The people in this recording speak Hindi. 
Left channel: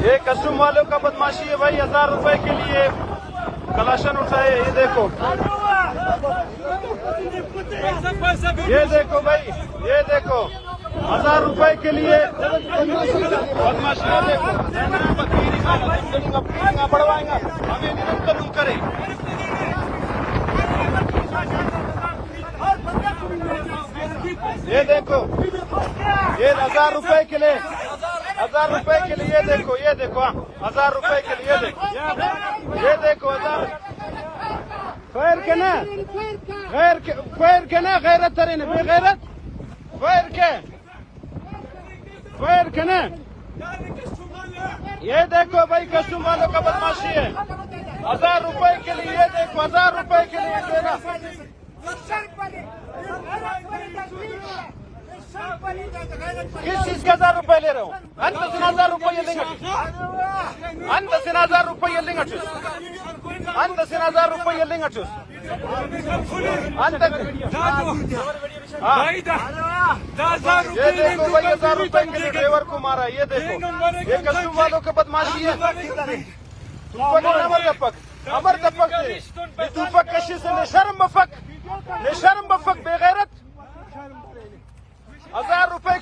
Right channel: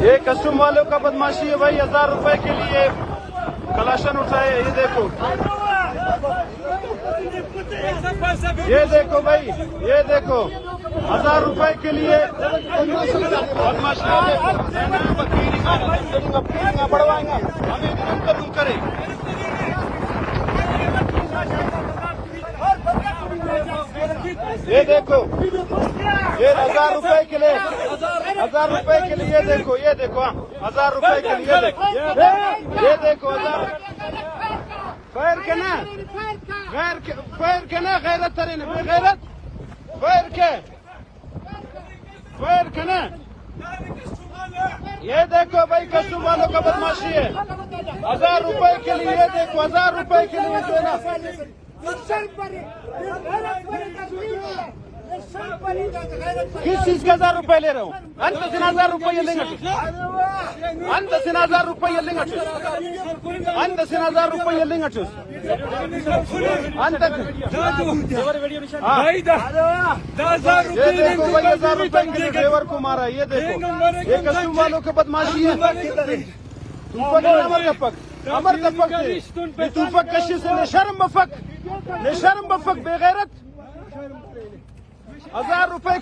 ये कस्टम वालों का बदमाशी है भाई। 1000 रुपए के लिए कलाशन उठाए। ये देखो भाई, ये देखो 1000 रुपए के लिए बदमाशी। ये देखो ये 1000 रुपए के लिए, 1000 रुपए के लिए देखो, ये देखो 1000 रुपए के लिए, ये देखो खैर के ना गैरत तरे ने बेगैरत खैर के ना। ये देखो भाई कस्टम वालों का बदमाशी है। 1000 रुपए के लिए, ये देखो 1000 रुपए के लिए किस चीज के 1000 रुपए ले रहे हो? 10,000 रुपए भाई 10,000 रुपये मारा। ये देखो शर्म बफक बेगैरत 1000 रुपए